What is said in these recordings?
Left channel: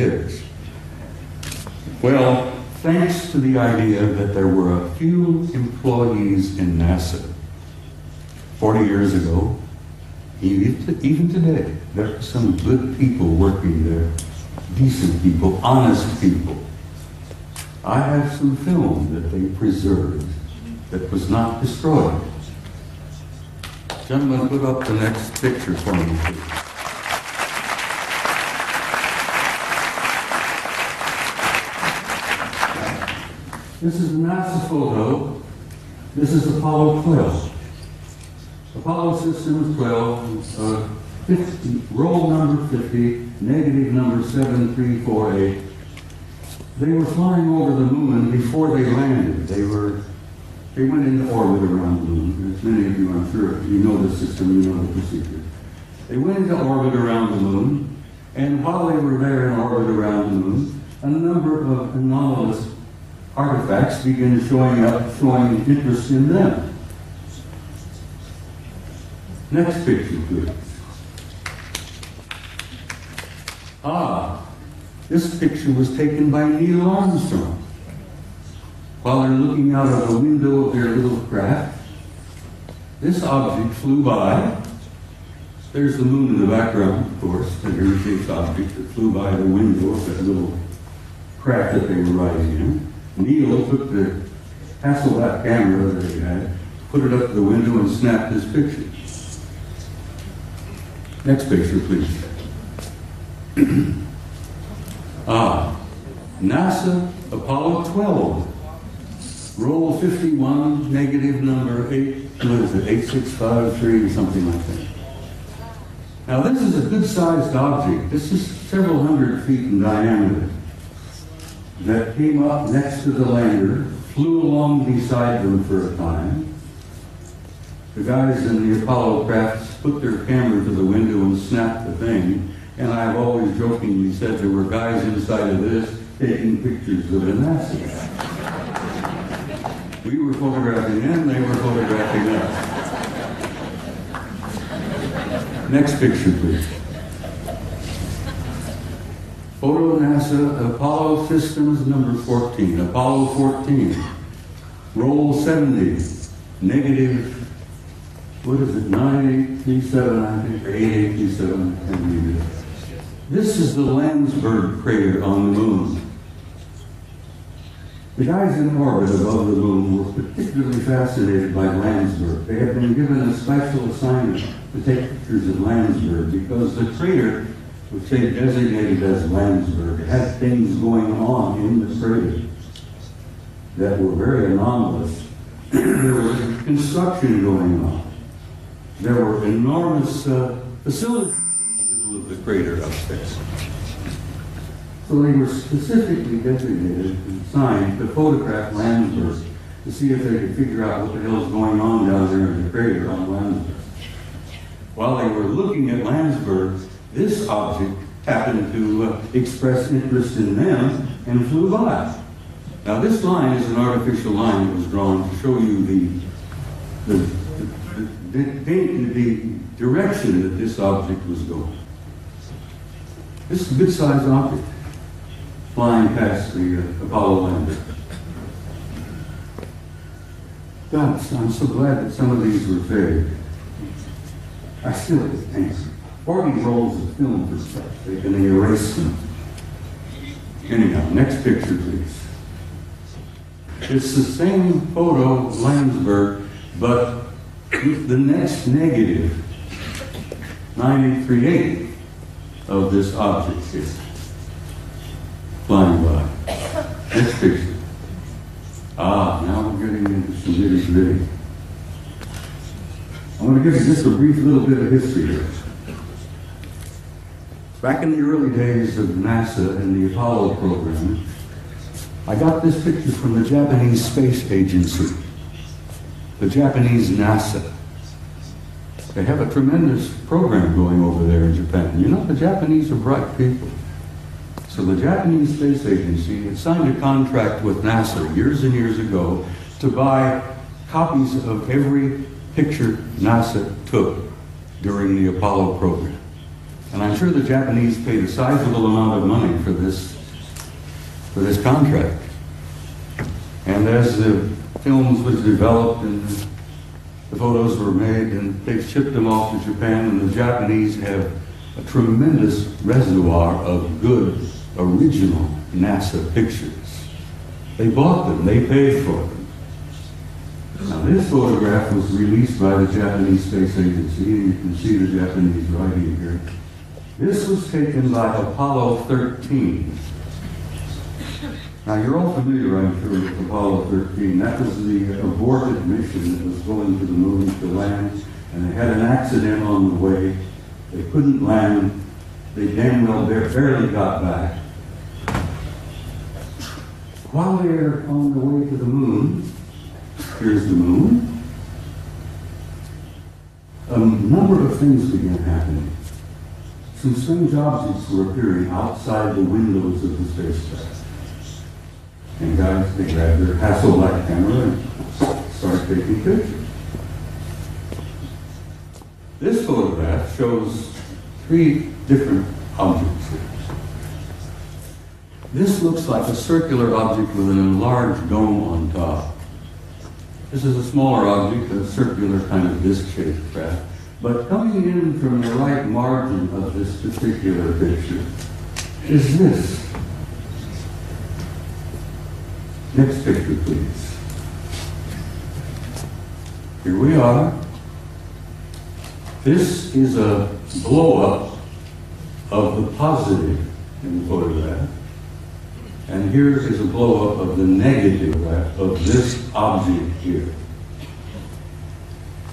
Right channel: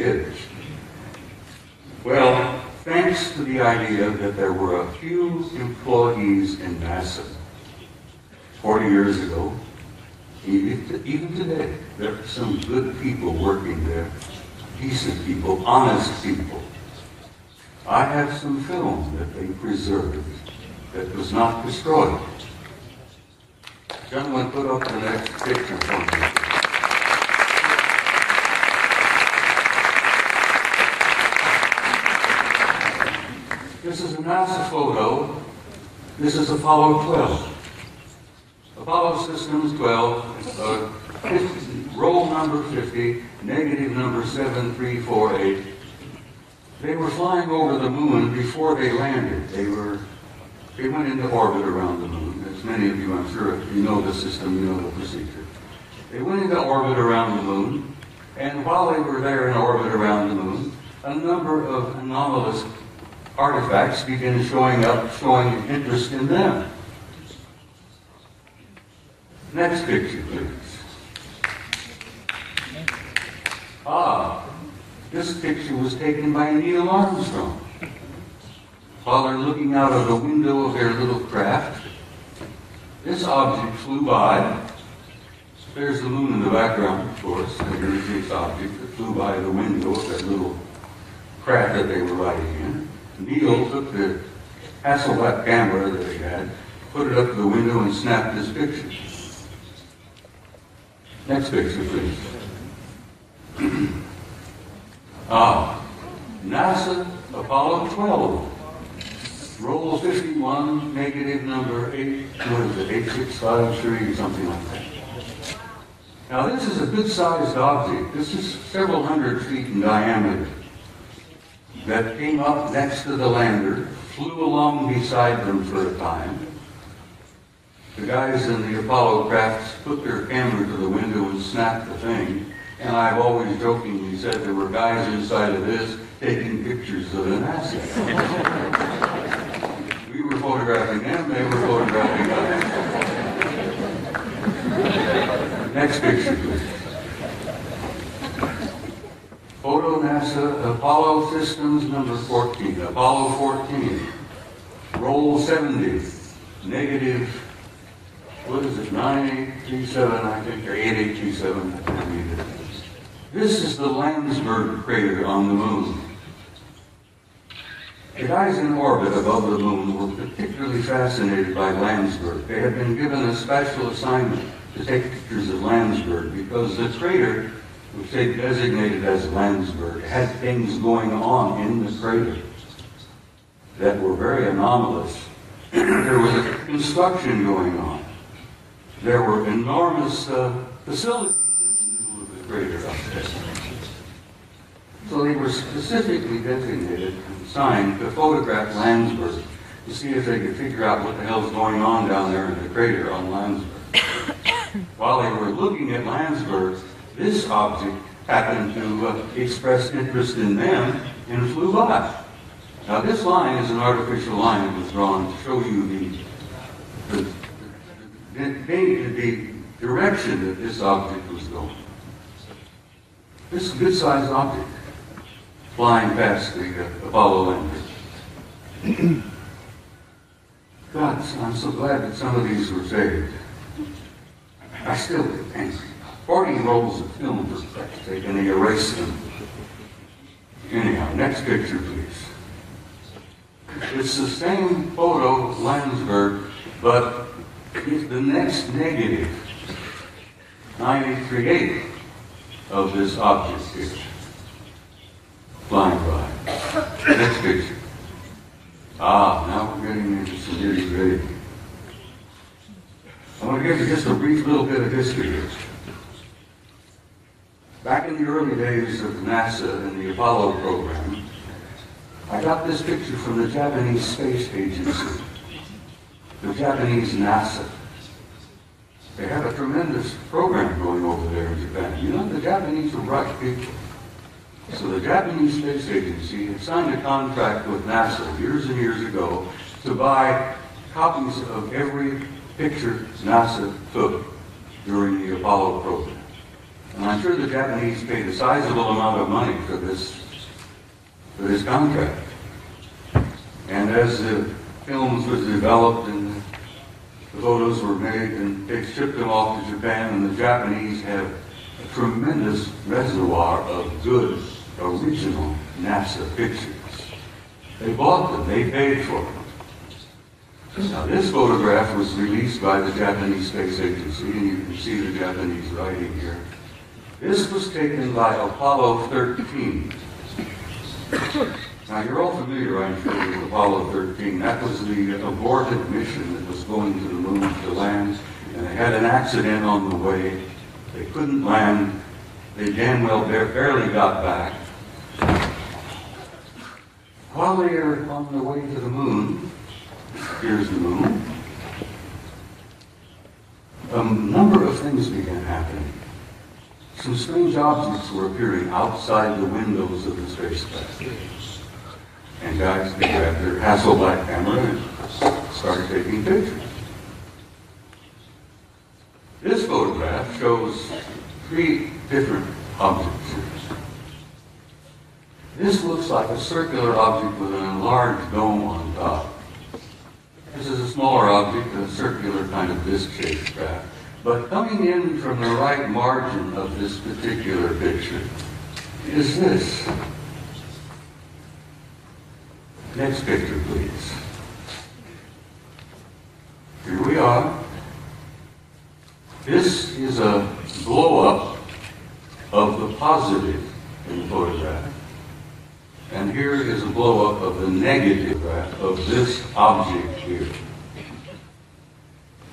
is? Well, thanks to the idea that there were a few employees in NASA 40 years ago, even today, there are some good people working there, decent people, honest people. I have some film that they preserved that was not destroyed. So I'm going to put up the next picture for me. This is a NASA photo. This is Apollo 12. Apollo Systems 12, roll number 50, negative number 7348. They were flying over the moon before they landed. They went into orbit around the moon. As many of you, I'm sure, you know the system, you know the procedure. They went into orbit around the moon, and while they were there in orbit around the moon, a number of anomalous artifacts began showing up, showing interest in them. Next picture, please. This picture was taken by Neil Armstrong. While they're looking out of the window of their little craft, this object flew by. There's the moon in the background, of course. There's this object that flew by the window of that little craft that they were riding in. Neil took the Hasselblad camera that he had, put it up to the window, and snapped this picture. Next picture, please. NASA Apollo 12. Roll 51, negative number 8653, or something like that. Now this is a good-sized object. This is several hundred feet in diameter that came up next to the lander, flew along beside them for a time. The guys in the Apollo crafts put their camera to the window and snapped the thing, and I've always jokingly said there were guys inside of this taking pictures of the NASA. We were photographing them, they were photographing us. Next picture, please. Photo NASA Apollo Systems number 14, Apollo 14. Roll 70, negative, what is it, 9837, I think, or 8827. This is the Landsberg crater on the moon. The guys in orbit above the moon were particularly fascinated by Landsberg. They had been given a special assignment to take pictures of Landsberg because the crater, which they designated as Landsberg, had things going on in the crater that were very anomalous. There was construction going on. There were enormous facilities in the middle of the crater up there. So they were specifically designated and assigned to photograph Landsberg to see if they could figure out what the hell's going on down there in the crater on Landsberg. While they were looking at Landsberg, this object happened to express interest in them and flew by. Now this line is an artificial line that was drawn to show you the direction that this object was going. This is a good-sized object flying past the Apollo lander. God, I'm so glad that some of these were saved. I still get angry. 40 rolls of film were taken, they erased them. Anyhow, next picture, please. It's the same photo of Landsberg, but with the next negative, 9838, of this object here, flying by. Next picture. Now we're getting into some nitty-gritty. I'm going to give you just a brief little bit of history here. Back in the early days of NASA and the Apollo program, I got this picture from the Japanese Space Agency, the Japanese NASA. They have a tremendous program going over there in Japan. You know, the Japanese are bright people. So the Japanese Space Agency had signed a contract with NASA years and years ago to buy copies of every picture NASA took during the Apollo program. And I'm sure the Japanese paid a sizable amount of money for this contract. And as the films was developed and the photos were made, and they shipped them off to Japan, and the Japanese have a tremendous reservoir of good, original NASA pictures. They bought them, they paid for them. Now, this photograph was released by the Japanese Space Agency, and you can see the Japanese writing here. This was taken by Apollo 13. Now, you're all familiar, I'm sure, with Apollo 13. That was the aborted mission that was going to the moon to land, and they had an accident on the way. They couldn't land. They damn well barely got back. While they are on their way to the moon, here's the moon, a number of things began happening. Some strange objects were appearing outside the windows of the spacecraft. And guys, they grab their Hasselblad camera and start taking pictures. This photograph shows 3 different objects. This looks like a circular object with an enlarged dome on top. This is a smaller object, a circular kind of disc-shaped craft. But coming in from the right margin of this particular picture is this. Next picture, please. Here we are. This is a blow-up of the positive in the photograph. And here is a blow-up of the negative of this object here.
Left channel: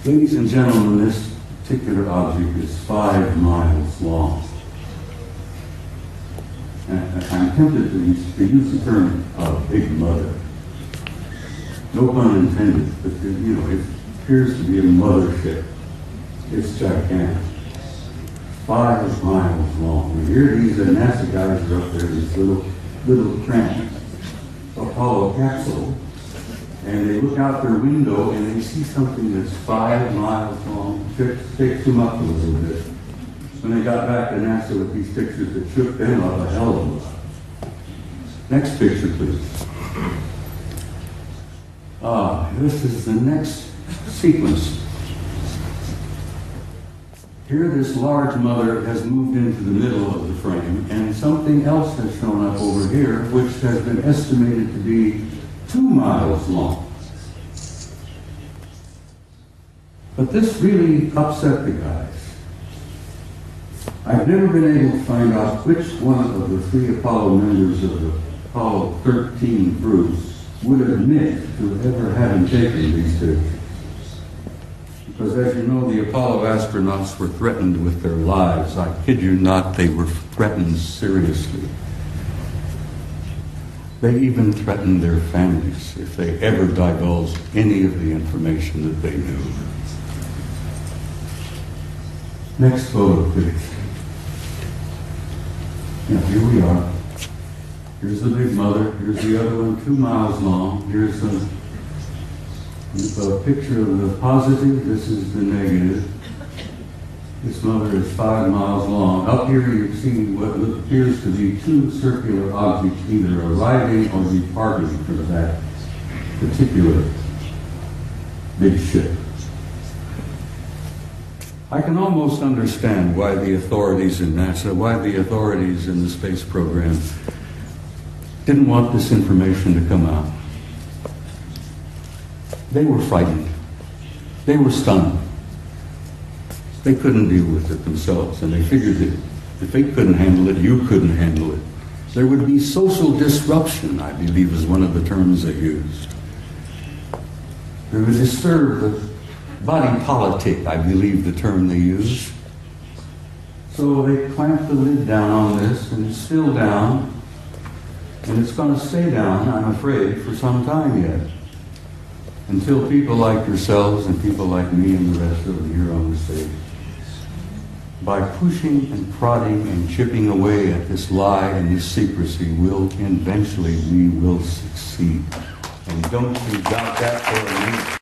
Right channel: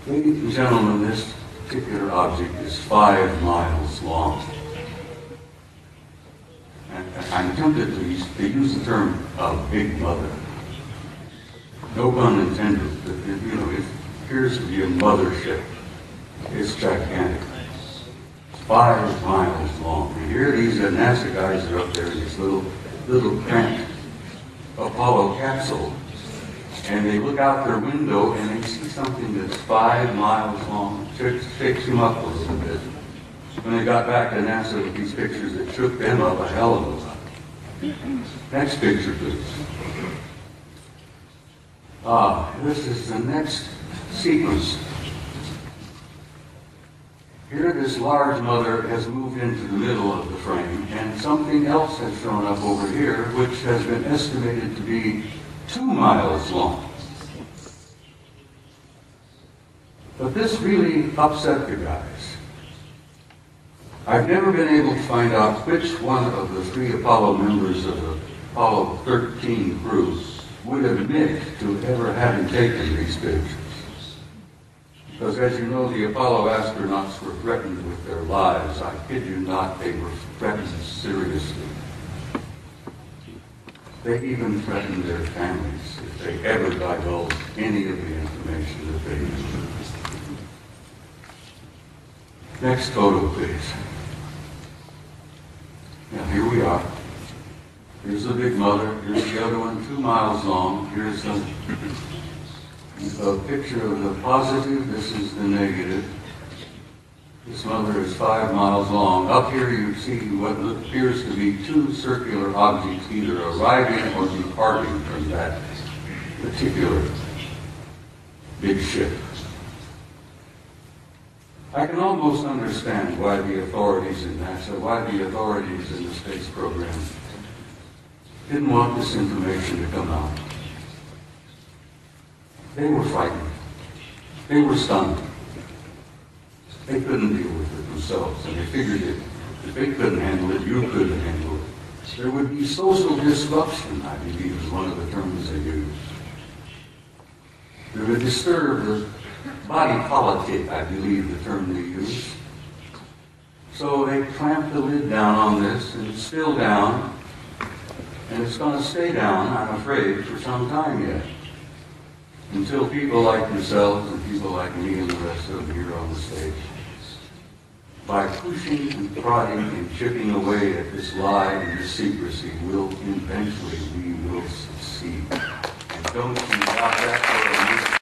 Ladies and gentlemen, this particular object is 5 miles long. And I'm tempted to use the term Big Mother. No pun intended, but it appears to be a mothership. It's gigantic. 5 miles long. And here these NASA guys are up there in this little cramped Apollo capsule, and they look out their window and they see something that's 5 miles long. Shakes them up a little bit. When they got back to NASA with these pictures, it shook them up a hell of a lot. Next picture, please. This is the next sequence. Here, this large mother has moved into the middle of the frame, and something else has shown up over here, which has been estimated to be 2 miles long. But this really upset the guys. I've never been able to find out which one of the 3 Apollo members of the Apollo 13 crew would admit to ever having taken these pictures. Because as you know, the Apollo astronauts were threatened with their lives. I kid you not, they were threatened seriously. They even threatened their families if they ever divulged any of the information that they knew. Next photo, please. Now, here we are. Here's the Big Mother. Here's the other one, 2 miles long. Here's a picture of the positive. This is the negative. This mother is 5 miles long. Up here you see what appears to be 2 circular objects either arriving or departing from that particular big ship. I can almost understand why the authorities in NASA, why the authorities in the space program didn't want this information to come out. They were frightened. They were stunned. They couldn't deal with it themselves, and they figured if they couldn't handle it, you couldn't handle it. There would be social disruption, I believe is one of the terms they used. They would disturb the body politic, I believe the term they used. So they clamped the lid down on this, and it's still down, and it's going to stay down, I'm afraid, for some time yet. Until people like yourselves and people like me and the rest of them here on the stage, by pushing and prodding and chipping away at this lie and this secrecy, eventually we will succeed. And don't you doubt that for a minute.